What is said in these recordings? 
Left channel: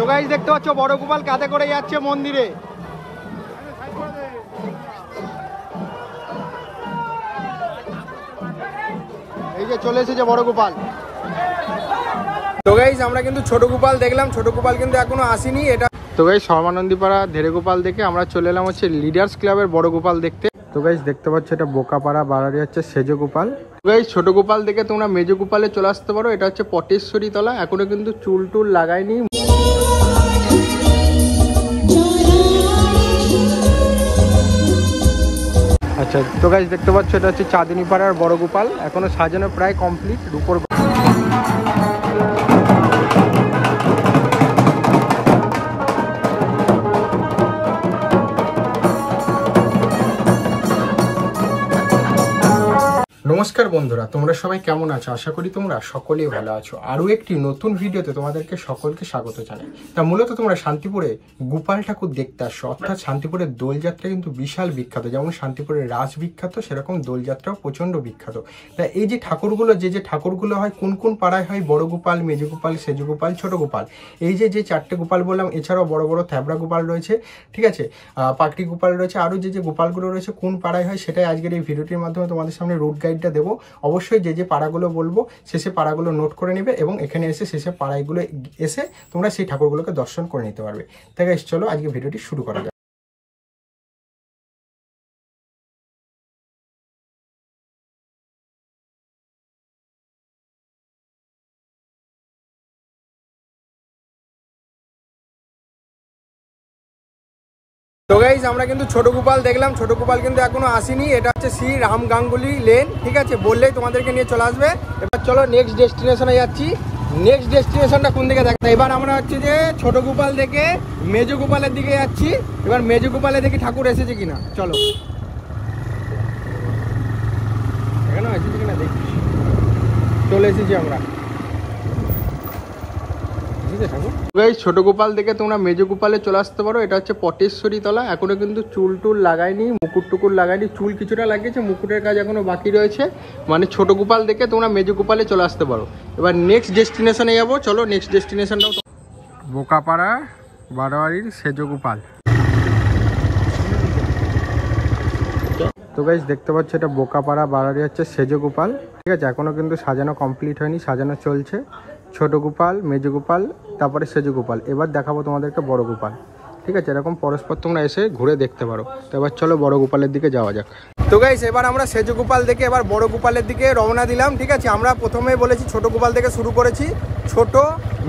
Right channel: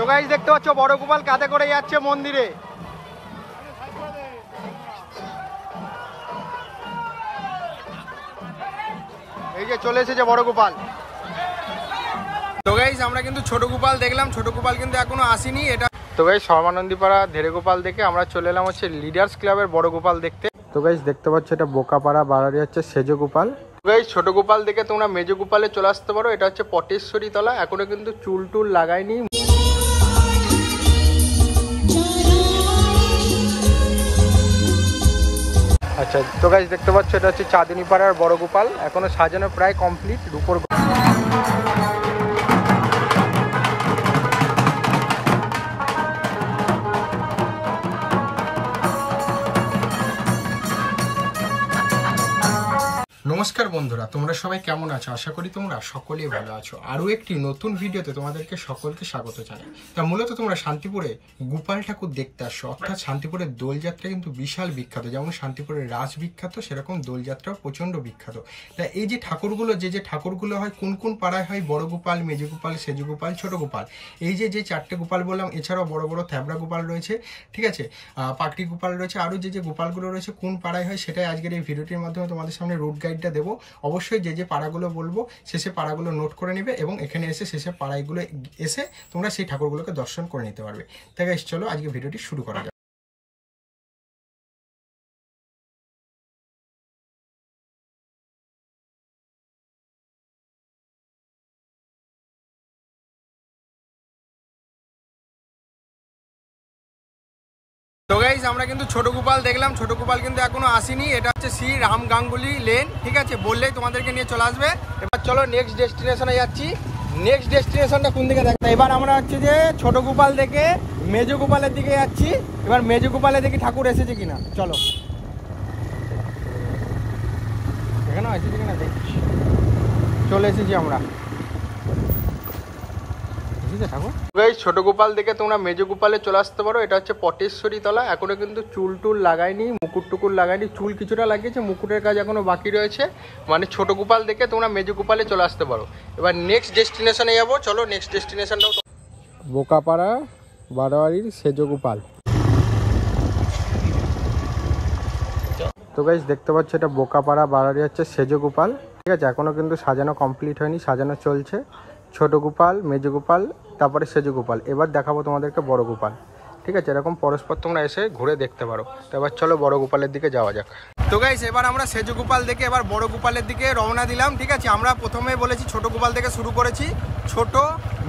তো গাইস দেখতে পাচ্ছ বড় গোপাল কাঁধে করে যাচ্ছে মন্দিরে। এই যে চলে এসেছে বড় গোপাল। তো গাইস আমরা কিন্তু ছোট গোপাল দেখলাম, ছোট গোপাল কিন্তু এখনো আসেনি। এটা তো গাইস সমানন্দীপাড়া ধেরে গোপাল দেখে আমরা চলে এলাম হচ্ছে লিডার্স ক্লাবের বড় গোপাল দেখতে। তো গাইস দেখতে পাচ্ছ এটা বোকাপাড়া বাড়ারি হচ্ছে সেজো গোপাল। গাইস ছোট গোপাল দেখে তোমরা মেজো গোপালে চলে আসতে পারো। এটা হচ্ছে পটেশ্বরী তলা, এখনো কিন্তু চুল টুল লাগায়নি। আচ্ছা তো গাইস দেখতে পাচ্ছ এটা হচ্ছে চাঁদনী পাড়ার বড় গোপাল, এখনো সাজানো প্রায় কমপ্লিট। রূপোর নমস্কার বন্ধুরা, তোমরা সবাই কেমন আছো? আশা করি তোমরা সকলেই ভালো আছো। আরও একটি নতুন ভিডিওতে তোমাদেরকে সকলকে স্বাগত জানাই। তা মূলত তোমরা শান্তিপুরে গোপাল ঠাকুর দেখতে আসছো, অর্থাৎ শান্তিপুরের দোলযাত্রা কিন্তু বিশাল বিখ্যাত। যেমন শান্তিপুরের রাস বিখ্যাত, সেরকম দোলযাত্রাও প্রচণ্ড বিখ্যাত। তা এই যে ঠাকুরগুলো যে ঠাকুরগুলো হয় কোন কোন পাড়ায় হয়, বড় গোপাল, মেজো গোপাল, সেজো গোপাল, ছোট গোপাল, এই যে চারটে গোপাল বললাম, এছাড়াও বড় বড় থ্যাবড়া গোপাল রয়েছে, ঠিক আছে, পাকড়ি গোপাল রয়েছে, আরও যে গোপালগুলো রয়েছে কোন পাড়ায় হয় সেটাই আজকের এই ভিডিওটির মাধ্যমে তোমাদের সামনে রুট গাইডটা দেবো। অবশ্যই যে পাড়াগুলো বলবো শেষে পাড়াগুলো নোট করে নেবে এবং এখানে এসে শেষে পাড়াগুলো এসে তোমরা সেই ঠাকুরগুলোকে দর্শন করে নিতে পারবে। তাই গাইস চলো আজকে ভিডিওটি শুরু করা যাক। তো গাইস আমরা কিন্তু ছোট গোপাল দেখলাম, ছোট গোপাল কিন্তু এখনো আসেনি। এটা হচ্ছে শ্রী রাম গাঙ্গুলি লেন, ঠিক আছে, বললেই তোমাদেরকে নিয়ে চলে আসবে। এবার চলো নেক্সট ডেস্টিনেশনে যাচ্ছি। নেক্সট ডেস্টিনেশনটা কোন দিকে দেখা, এবার আমরা হচ্ছে যে ছোট গোপাল থেকে মেজো গোপালের দিকে যাচ্ছি। এবার মেজো গোপালে দেখি ঠাকুর এসেছে কিনা, চলো এখানে এসেছে কিনা দেখি। চলে এসেছি আমরা ঠাকুর। ছোট গোপাল দেখে তোমরা মেজো গোপালে চলে আসতে পারো। এটা হচ্ছে পটেশ্বরী তলা, এখনো কিন্তু চুল টুল লাগায়নি, মুকুট টুকুর লাগায়নি, চুল কিছুটা লাগিয়েছে, মুকুটের কাজ এখনো বাকি রয়েছে। মানে ছোট গোপাল দেখে তোমরা মেজো গোপালে চলে আসতে পারো। এবার নেক্সট ডেস্টিনেশনে যাবো, চলো নেক্সট ডেস্টিনেশনটা বোকাপাড়া বারোয়ারির সেজো গোপাল। তো গাইস দেখতে পাচ্ছ এটা বোকাপাড়া বাড়ারি হচ্ছে সেজো গোপাল, ঠিক আছে, এখনো কিন্তু সাজানো কমপ্লিট হয়নি, সাজানো চলছে। ছোট গোপাল, মেজো গোপাল, তারপরে সেজো গোপাল। এবার দেখাবো তোমাদেরকে বড় গোপাল, ঠিক আছে, এরকম পরস্পর তোমরা এসে ঘুরে দেখতে পারো। তো এবার চলো বড় গোপালের দিকে যাওয়া যাক। তো গাইস এবার আমরা সেজো গোপাল দেখে এবার বড় গোপালের দিকে রওনা দিলাম, ঠিক আছে। আমরা প্রথমে বলেছি ছোট গোপাল থেকে শুরু করেছি, ছোট,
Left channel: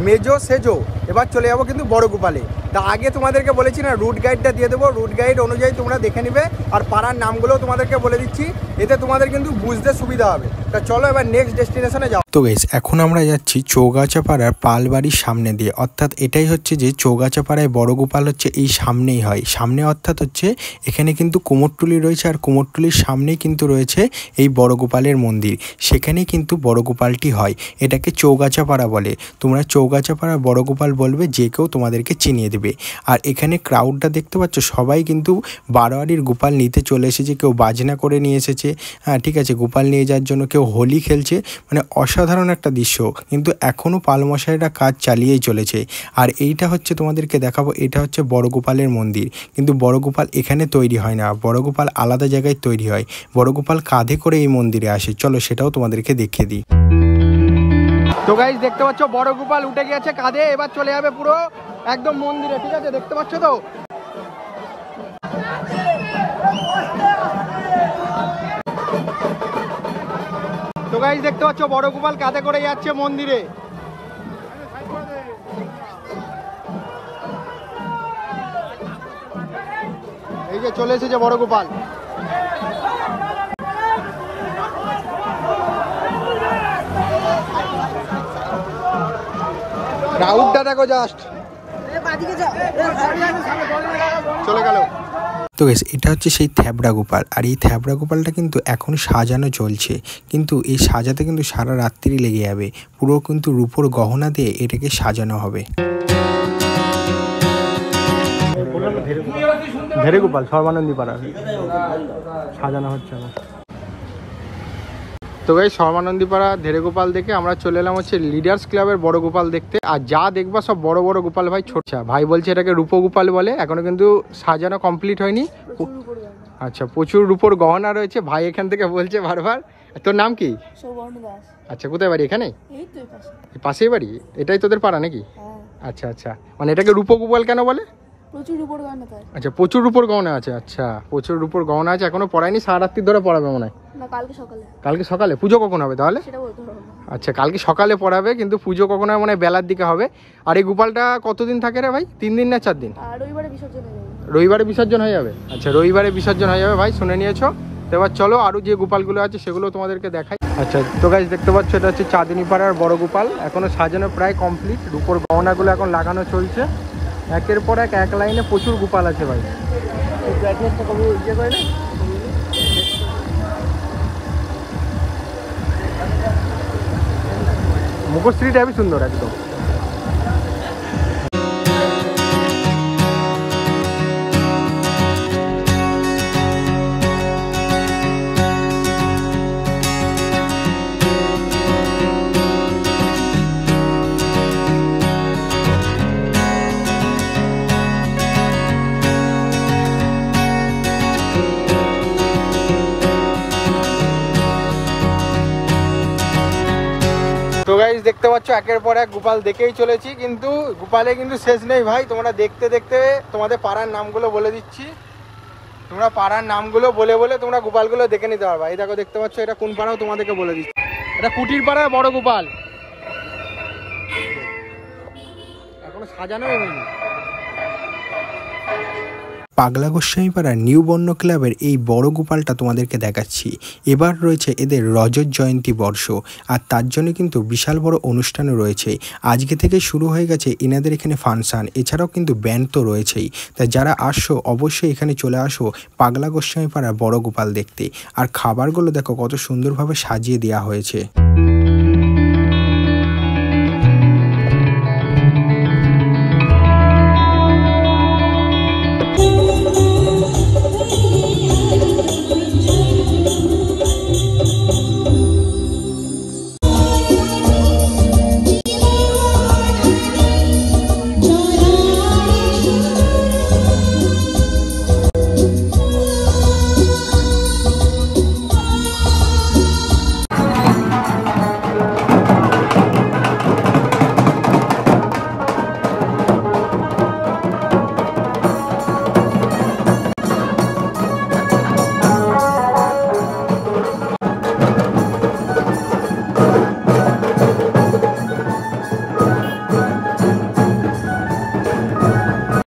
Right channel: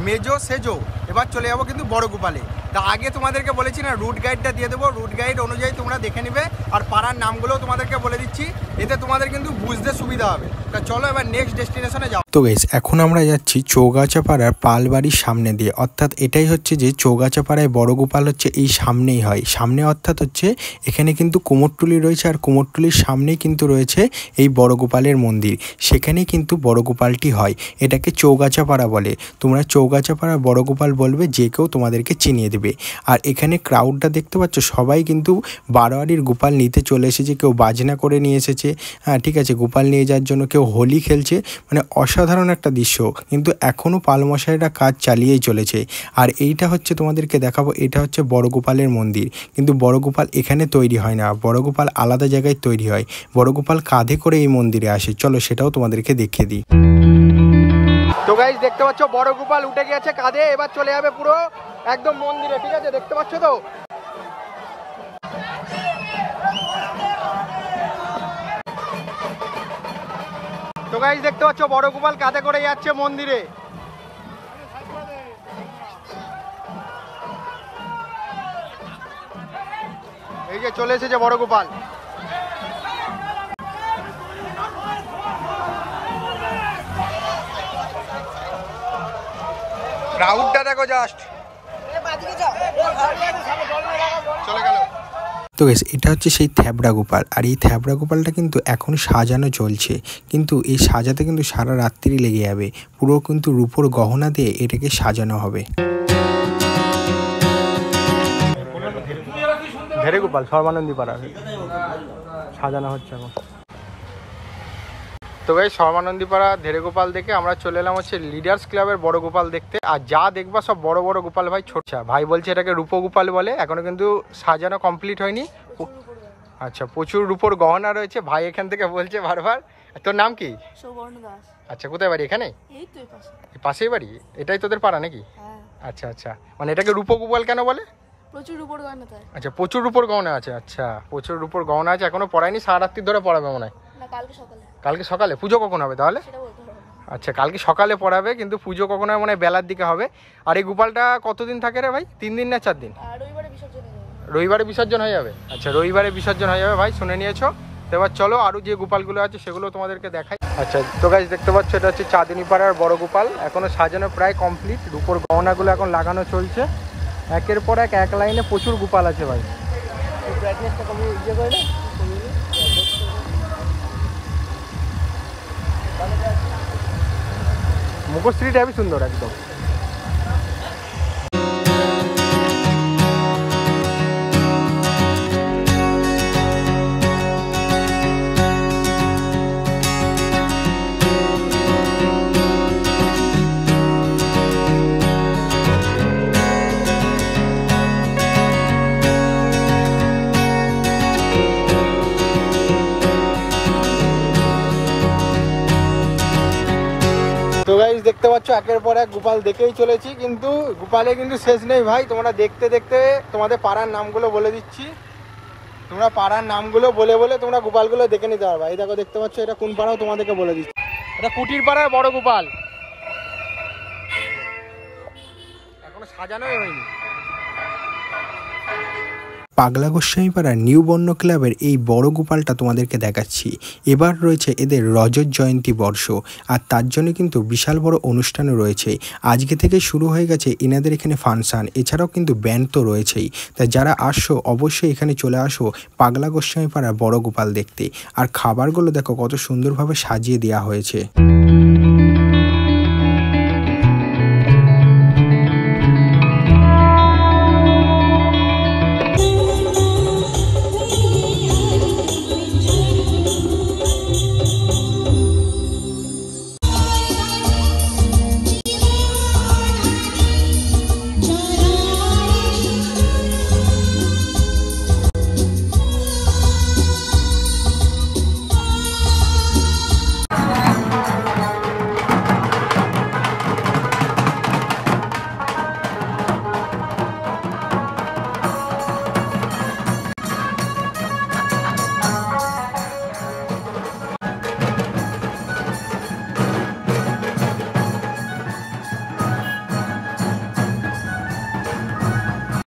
মেজো, সেজো, এবার চলে যাবো কিন্তু বড় গোপালে। তা আগে তোমাদেরকে বলেছি না রুট গাইডটা দিয়ে দেবো, রুট গাইড অনুযায়ী তোমরা দেখে নিবে, আর পাড়ার নামগুলোও তোমাদেরকে বলে দিচ্ছি, এতে তোমাদের কিন্তু বুঝতে সুবিধা হবে। তা চলো এবার নেক্সট ডেস্টিনেশনে যাও। তো গাইস এখন আমরা যাচ্ছি চৌগাছাপাড়ার পালবাড়ির সামনে দিয়ে, অর্থাৎ এটাই হচ্ছে যে চৌগাছাপাড়ায় বড় গোপাল হচ্ছে এই সামনেই হয়, সামনে অর্থাৎ হচ্ছে এখানে কিন্তু কুমোরটুলি রয়েছে, আর কুমোরটুলির সামনেই কিন্তু রয়েছে এই বড় গোপালের মন্দির, সেখানেই কিন্তু বড় গোপালটি হয়। এটাকে চৌগাছাপাড়া বলে, তোমরা চৌগাছাপাড়া বড় গোপাল বলবে, যে কেউ তোমাদেরকে চিনিয়ে দেবে। আর এখানে ক্রাউডটা দেখতে পাচ্ছ, সবাই কিন্তু বারোয়ারির গোপাল নিতে চলে এসেছে, কেউ বাজনা করে নিয়ে এসেছে, হ্যাঁ ঠিক আছে, গোপাল নিয়ে যাওয়ার জন্য, কেউ হোলি খেলছে, মানে অসাধারণ একটা দৃশ্য। কিন্তু এখনও পালমশাইরা কাজ চালিয়েই চলেছে। আর এইটা হচ্ছে তোমাদেরকে দেখাবো, এটা হচ্ছে বড় গোপালের মন্দির, কিন্তু বড় গোপাল এখানে তৈরি হয় না, বড় গোপাল আলাদা জায়গায় তৈরি হয়। বড় গোপাল কাঁধে করে এই মন্দিরে আসে, চলো সেটাও তোমাদেরকে দেখিয়ে দিই। তো গাইস দেখতে পাচ্ছ বড় গোপাল উঠে গেছে কাঁধে, এবার চলে যাবে পুরো একদম মন্দিরে, ঠিক আছে, দেখতে পাচ্ছ তো। তো গাইস দেখতে পাচ্ছ বড় গোপাল কাঁধে করে যাচ্ছে মন্দিরে। এই যে চলে এসেছে বড় গোপাল। ক্রাউডটা দেখো জাস্ট, চলে গেল। তো গাইস এটা হচ্ছে সেই থ্যাবড়া গোপাল, আর এই থ্যাবড়া গোপালটা কিন্তু এখন সাজানো চলছে, কিন্তু এই সাজাতে কিন্তু সারা রাত্রি লেগে যাবে, পুরো কিন্তু রূপোর গহনা দিয়ে এটাকে সাজানো হবে। ধেরে গোপাল সর্বানন্দী পাড়া সাজানো হচ্ছে। তো গাইস সর্বানন্দীপাড়া ধেড়ে গোপাল দেখে আমরা চলে এলাম হচ্ছে লিডার্স ক্লাবের বড় গোপাল দেখতে। আর যা দেখবা সব বড় বড় গোপাল ভাই। ছোট ভাই বলছে এটাকে রূপো গোপাল বলে, এখনো কিন্তু সাজানো কমপ্লিট হয়নি। আচ্ছা, প্রচুর রূপোর গহনা রয়েছে। ভাই এখান থেকে বলছে বারবার। তোর নাম কি? সৌবর্ণ দাস। আচ্ছা, কোথায় বাড়ি? এখানে এই তো পাশে। পাশেই বাড়ি? এটাই তোদের পাড়া নাকি? হ্যাঁ। আচ্ছা আচ্ছা, মানে এটাকে রূপো গোপাল কেন বলে? প্রচুর উপর গয়না তাই। আচ্ছা, প্রচুর রূপোর গহনা আছে। আচ্ছা, প্রচুর রূপোর গহনা আছে, এখনো পড়ায়নি, সারা রাত্রি ধরে পড়াবে মনে হয়। না, কালকে সকালে। কালকে সকালে? পুজো কখন হবে তাহলে? সেটা বলতে পারবো না। আচ্ছা, কালকে সকালে পড়াবে, কিন্তু পুজো কখন হবে মানে বেলার দিকে হবে। আর এই গোপালটা কতদিন থাকে রে ভাই? 3 দিন না 4 দিন? আর রবিবারে বিসর্জন হয়ে যাবে। রবিবারে বিসর্জন হয়ে যাবে? আচ্ছা, রবিবারে বিসর্জন হয়ে যাবে ভাই, শুনে নিয়েছো। এবার চলো আরো যে গোপালগুলো আছে সেগুলো তোমাদেরকে দেখাই। আচ্ছা, তো গাইস দেখতে পাচ্ছ এটা হচ্ছে চাঁদনী পাড়ার বড় গোপাল। এখনো সাজানো প্রায় কমপ্লিট, রূপোর গহনাগুলো এখন লাগানো চলছে। একের পর এক লাইনে প্রচুর গোপাল আছে ভাই। মুখশ্রী টাইপই সুন্দর একদম। তো গাইস দেখতে পাচ্ছ একের পর এক গোপাল দেখেই চলেছি, কিন্তু গোপালে কিন্তু শেষ নেই ভাই। তোমরা দেখতে দেখতে তোমাদের পাড়ার নামগুলো বলে দিচ্ছি। তোমরা পাড়ার নামগুলো বলে বলে তোমরা গোপালগুলো দেখে নিতে পারবা। এই দেখো, দেখতে পাচ্ছ এটা কোন পাড়াও তোমাদেরকে বলে দিচ্ছি। এটা কুটির পাড়া বড় গোপাল, এখনো সাজানোই হয়নি। পাগলা গোস্বামীপাড়ার নিউ বন্য ক্লাবের এই বড় গোপালটা তোমাদেরকে দেখাচ্ছি। এবার রয়েছে এদের রজত জয়ন্তী বর্ষ, আর তার জন্য কিন্তু বিশাল বড় অনুষ্ঠানও রয়েছে। আজকে থেকে শুরু হয়ে গেছে এনাদের এখানে ফাংশান, এছাড়াও কিন্তু ব্যান্ড তো রয়েছেই। তাই যারা আসছো অবশ্যই এখানে চলে আসো পাগলা গোস্বামীপাড়ার বড় গোপাল দেখতে। আর খাবারগুলো দেখো কত সুন্দরভাবে সাজিয়ে দেওয়া হয়েছে।